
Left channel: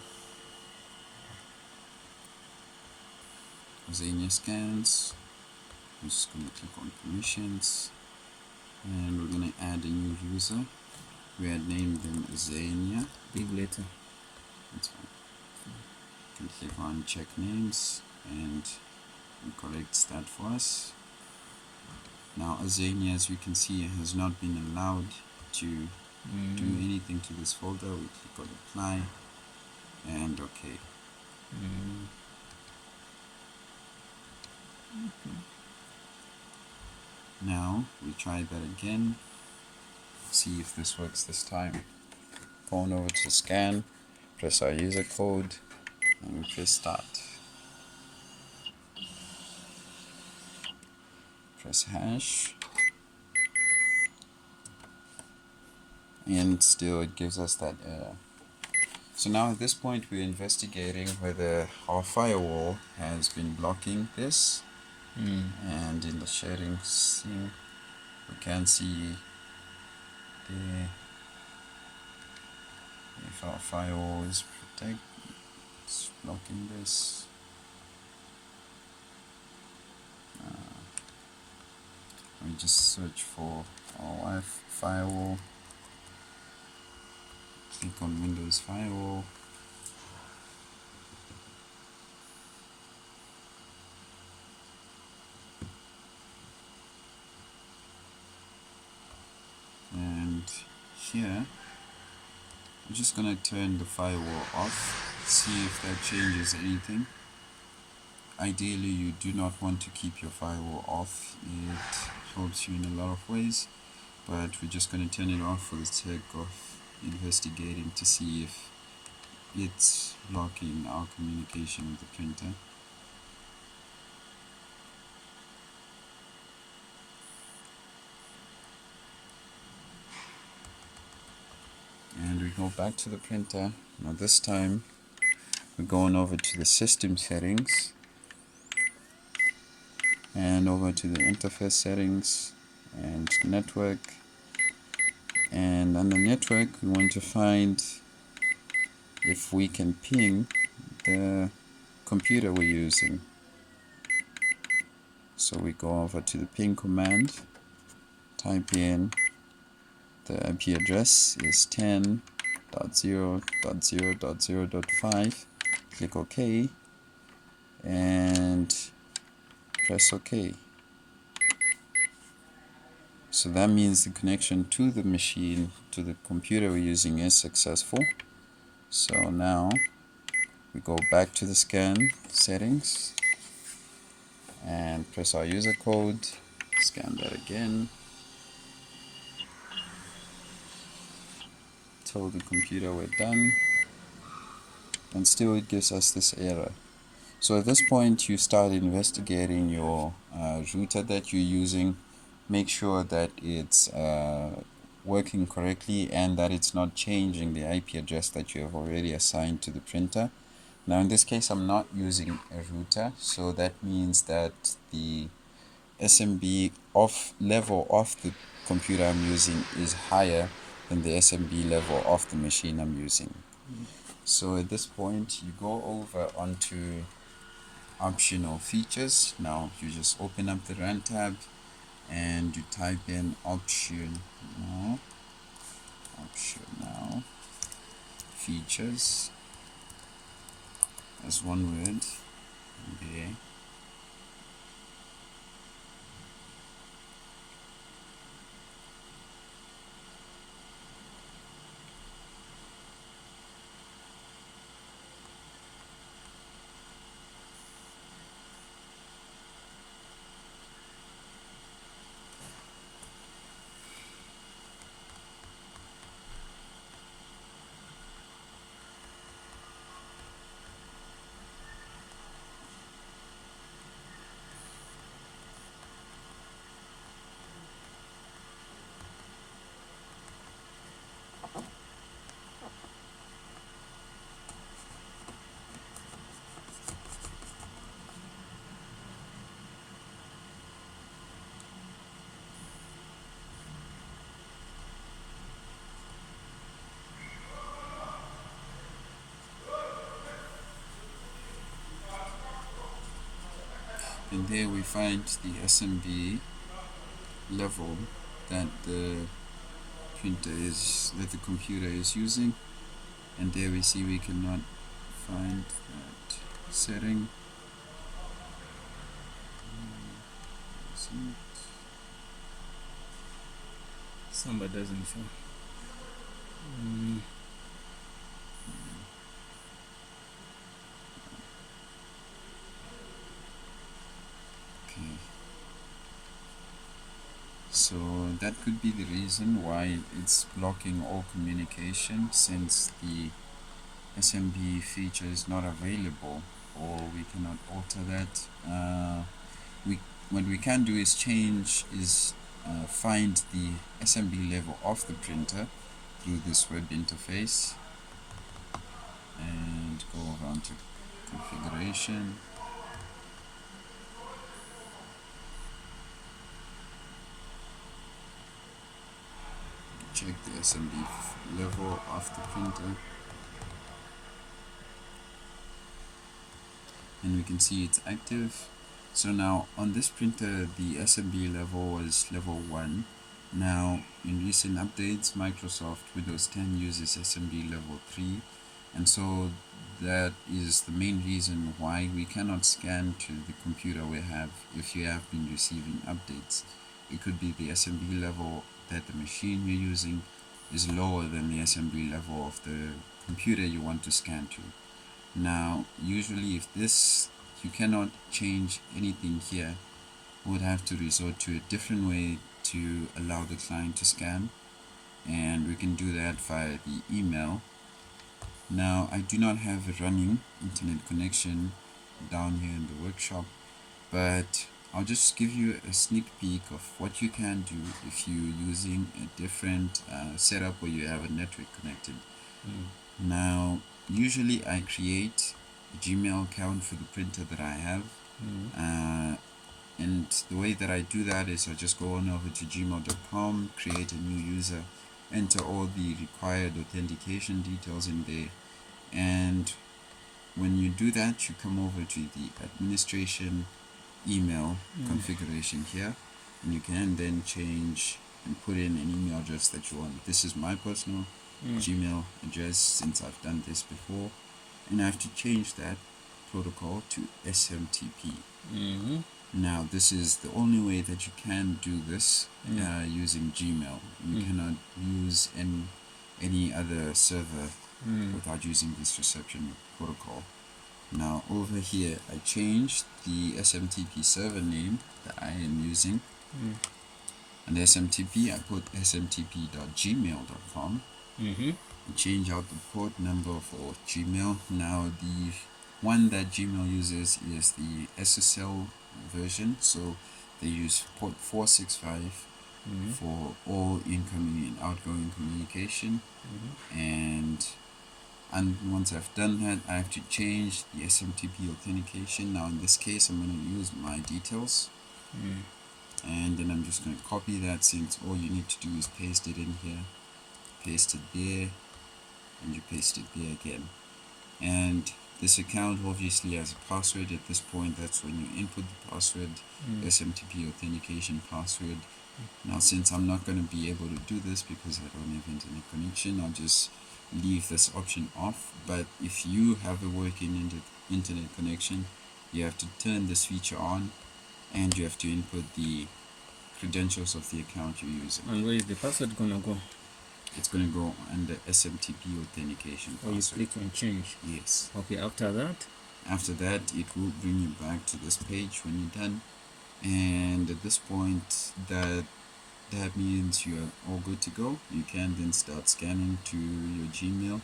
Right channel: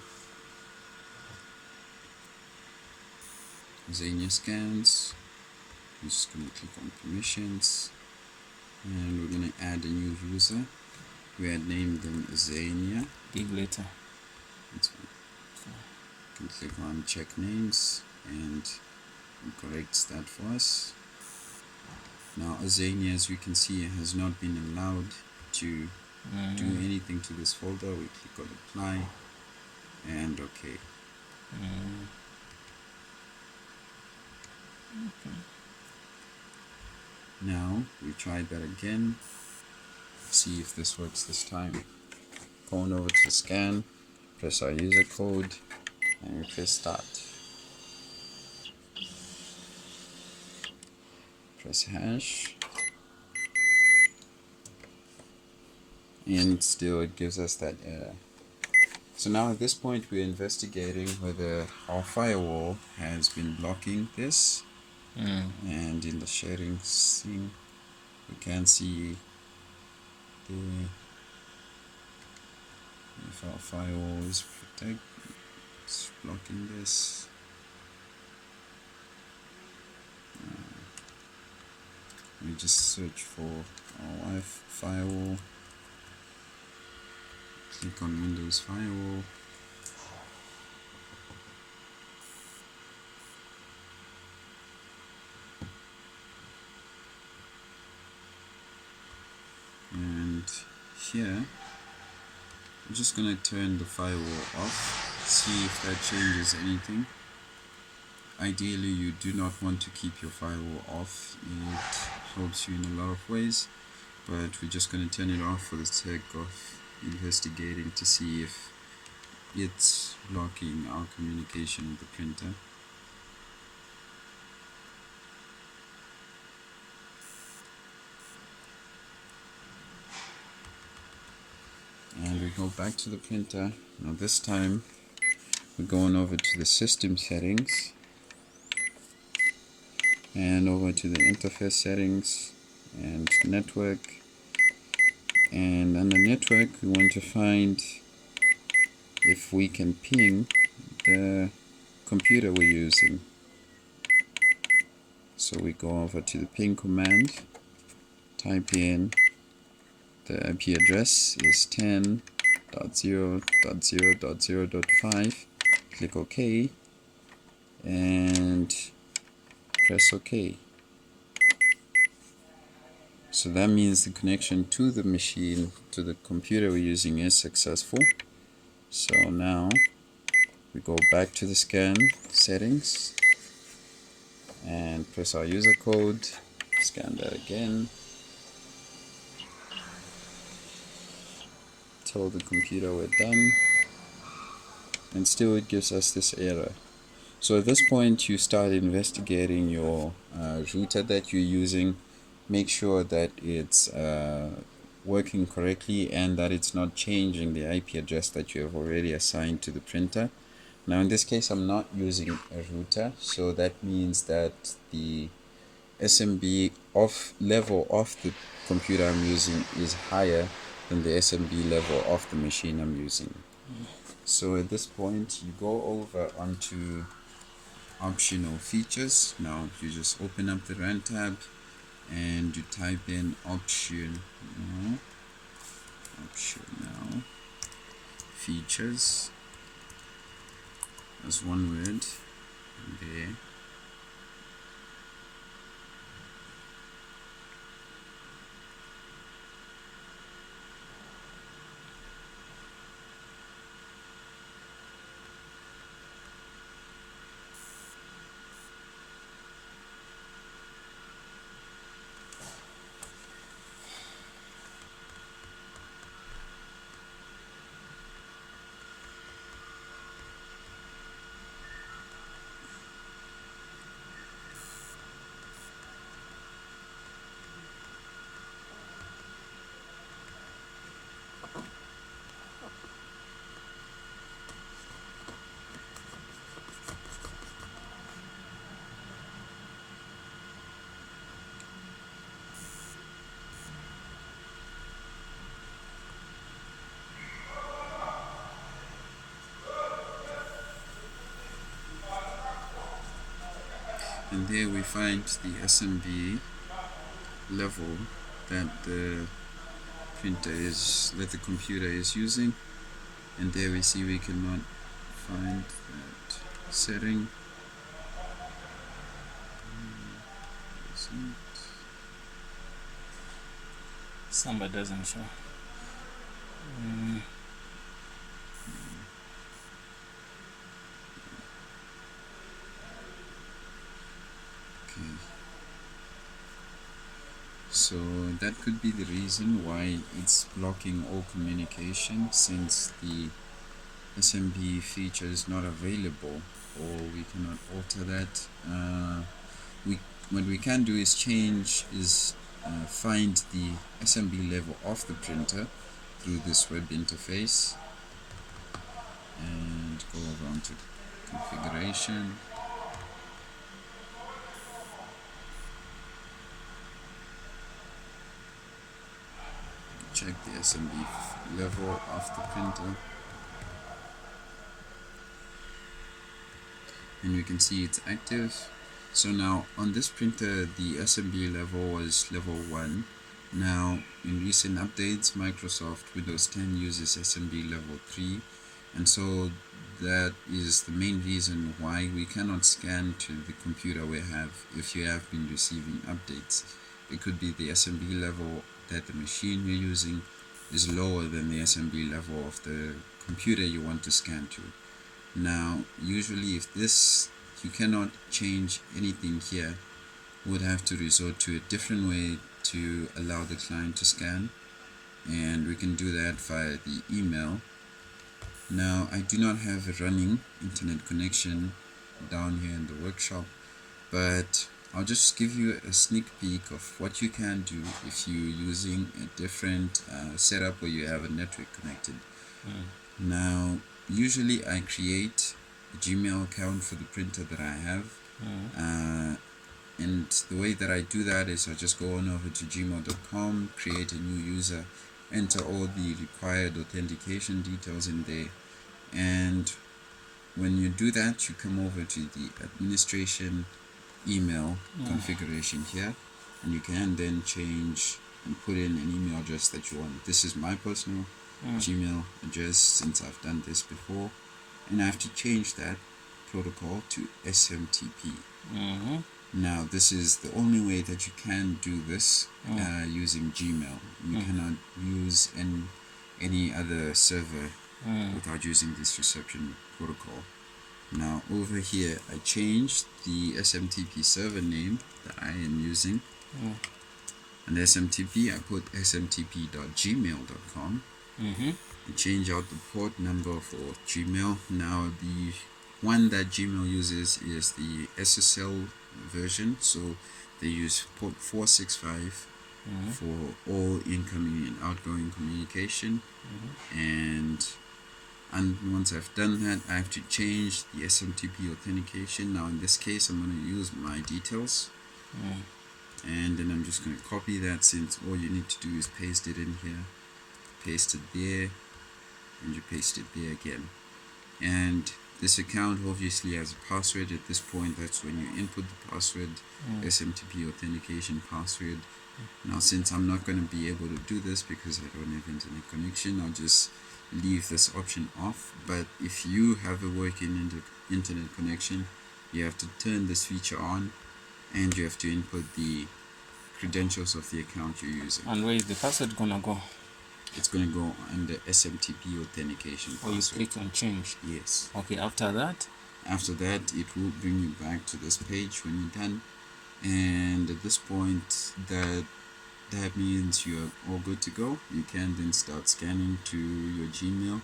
Xenia scans. I'm just going to click on permissions, and we're going to add a new user. We had named them Xenia. Give later. That's fine. You can click on check names and it corrects that for us. Now Xenia, as we can see, has not been allowed to do anything to this folder. We click on apply and OK. Now we try that again, see if this works this time. Going over to scan, press our user code and we press start. Press hash, and still it gives us that error. So now at this point we're investigating whether our firewall has been blocking this. And in the settings thing, we can see if our firewall is protected, it's blocking this. We just search for our firewall, click on Windows Firewall, and here I'm just going to turn the firewall off, see if that changes anything. Ideally you do not want to keep your firewall off, it helps you in a lot of ways, but we're just going to turn it off for the sake of investigating to see if it's blocking our communication with the printer. And we go back to the printer. Now this time we're going over to the system settings and over to the interface settings and network, and under network we want to find if we can ping the computer we're using. So we go over to the ping command, type in the IP address is 10.0.0.0.5, click OK and press OK. So that means the connection to the machine, to the computer we're using, is successful. So now we go back to the scan settings and press our user code, scan that again, tell the computer we're done, and still it gives us this error. So at this point you start investigating your router that you're using. Make sure that it's working correctly and that it's not changing the IP address that you have already assigned to the printer. Now in this case I'm not using a router, so that means that the SMB level of the computer I'm using is higher than the SMB level of the machine I'm using. So at this point you go over onto optional features. Now you just open up the run tab and you type in optional features as one word there. and there we find the SMB level that the computer is using, and there we see we cannot find that setting. Somebody doesn't show. Okay. So that could be the reason why it's blocking all communication, since the SMB feature is not available, or we cannot alter that. What we can do is find the SMB level of the printer through this web interface, and go around to configuration. Check the SMB level of the printer, and we can see it's active. So now on this printer the SMB level was level 1. Now in recent updates Microsoft Windows 10 uses SMB level 3, and so that is the main reason why we cannot scan to the computer if you have been receiving updates. It could be the SMB level that the machine you're using is lower than the SMB level of the computer you want to scan to. Now usually if you cannot change anything here, we would have to resort to a different way to allow the client to scan, and we can do that via the email. Now I do not have a running internet connection down here in the workshop, but I'll just give you a sneak peek of what you can do if you're using a different setup where you have a network connected. Now usually I create a Gmail account for the printer that I have, and the way that I do that is I just go on over to gmail.com, create a new user, enter all the required authentication details in there, and when you do that you come over to the administration email configuration here, and you can then change and put in an email address that you want. This is my personal Gmail address, since I've done this before, and I have to change that protocol to SMTP. Now this is the only way that you can do this using Gmail. You cannot use any other server without using this reception protocol. Now over here I changed the SMTP server name that I am using, and SMTP I put smtp.gmail.com, and change out the port number for Gmail. Now the one that Gmail uses is the SSL version, so they use port 465 for all incoming and outgoing communication. And once I've done that, I have to change the SMTP authentication. Now in this case I'm going to use my details, and then I'm just going to copy that, since all you need to do is paste it in here, paste it there, and you paste it there again. And this account obviously has a password at this point. That's when you input the password, SMTP authentication password. Now since I'm not going to be able to do this because I don't have internet connection, I'll just leave this option off. But if you have a working internet connection, you have to turn this feature on, and you have to input the credentials of the account you're using. And where is the password gonna go? It's going to go under SMTP authentication password. Or you click on change? Yes. Okay, after that it will bring you back to this page when you're done, and at this point that means you're all good to go. You can then start scanning to your Gmail.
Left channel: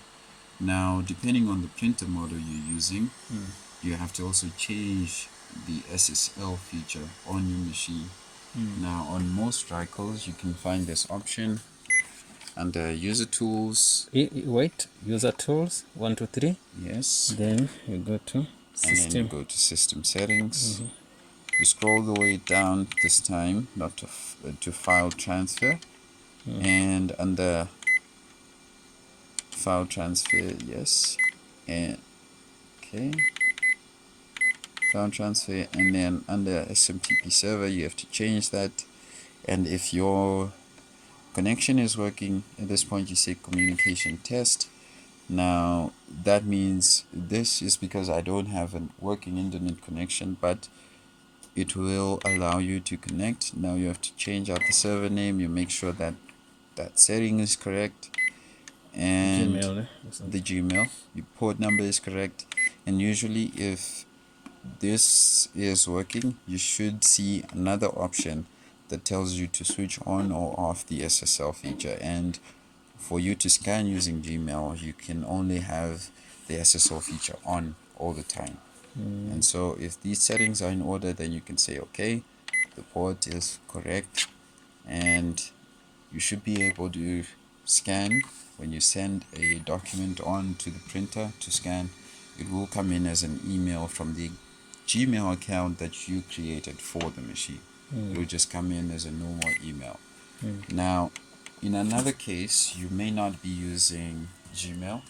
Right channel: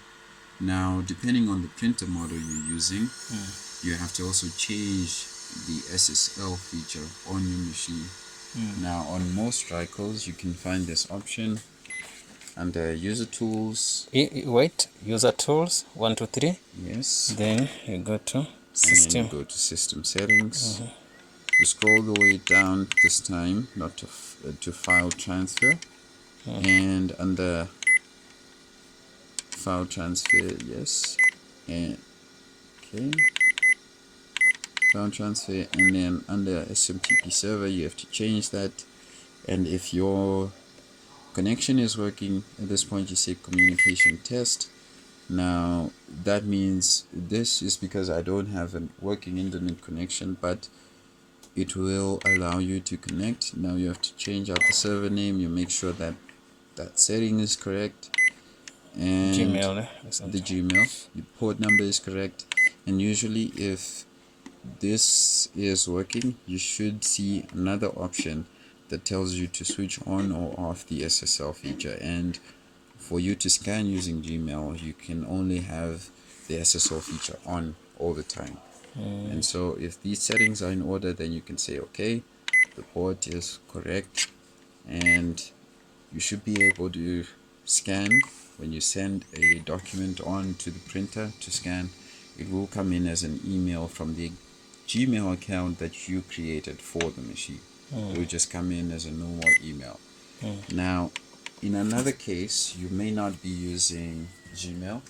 Now depending on the printer model you're using, you have to also change the SSL feature on your machine. Now on most Ricohs you can find this option under user tools. Wait, user tools 1 2 3. Yes. Then you go to system. And you go to system settings. You scroll the way down this time, not to file transfer, and under file transfer, yes, and okay, cloud transfer, and then under SMTP server you have to change that. And if your connection is working, at this point you say communication test. Now that means this is because I don't have a working internet connection, but it will allow you to connect. Now you have to change out the server name. You make sure that that setting is correct, and Gmail, the Gmail, the port number is correct. And usually if this is working, you should see another option that tells you to switch on or off the SSL feature. And for you to scan using Gmail, you can only have the SSL feature on all the time. And so if these settings are in order, then you can say okay, the port is correct, and you should be able to scan. When you send a document on to the printer to scan, it will come in as an email from the Gmail account that you created for the machine. It will just come in as a normal email. Now in another case, you may not be using Gmail.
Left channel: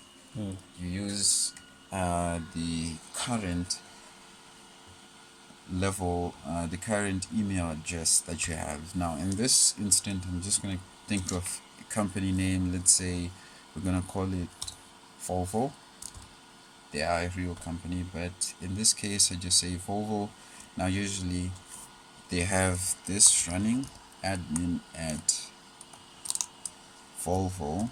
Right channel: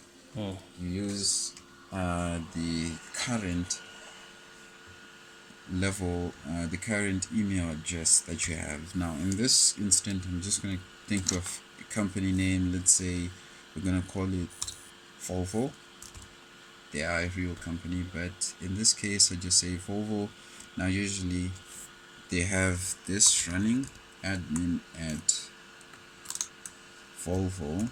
You use the current level, the current email address that you have. Now in this instant, I'm just going to think of a company name. Let's say we're going to call it Volvo. They are a real company, but in this case I just say Volvo. Now usually they have this running, admin at Volvo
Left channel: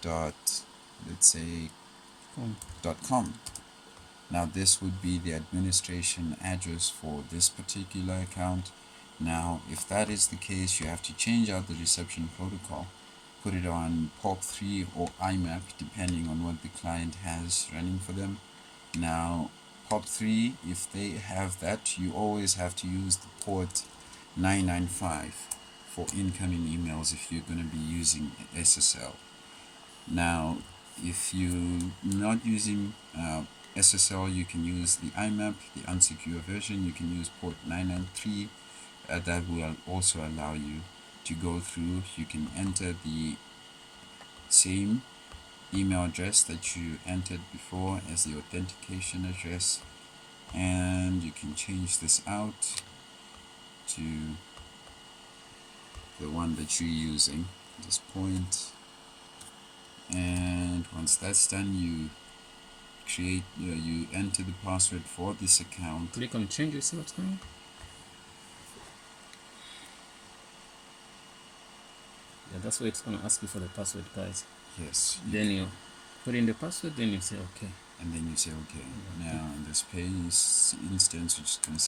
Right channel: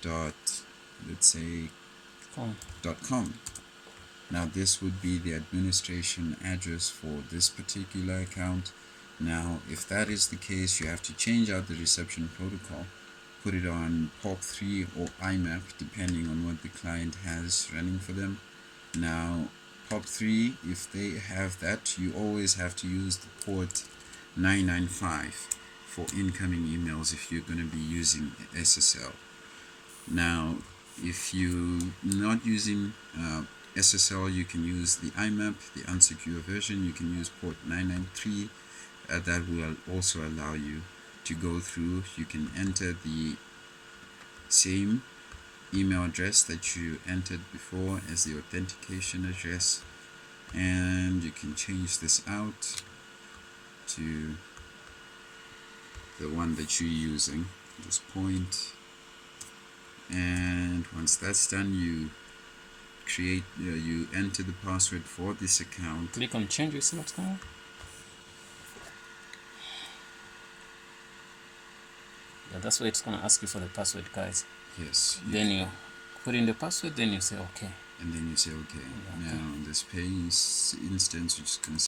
dot, let's say .com. Now this would be the administration address for this particular account. Now if that is the case, you have to change out the reception protocol, put it on POP3 or IMAP depending on what the client has running for them. Now POP3, if they have that, you always have to use the port 995 for incoming emails if you're going to be using SSL. Now if you're not using SSL, you can use the IMAP, the unsecure version. You can use port 993. That will also allow you to go through. You can enter the same email address that you entered before as the authentication address, and you can change this out to the one that you're using at this point. And once that's done, you create you enter the password for this account. Click on change, you see what's going on. Yeah, that's why it's going to ask you for the password, guys. Yes. Then you put in the password, then you say okay. And then you say okay. Now in this page instance, we're just going to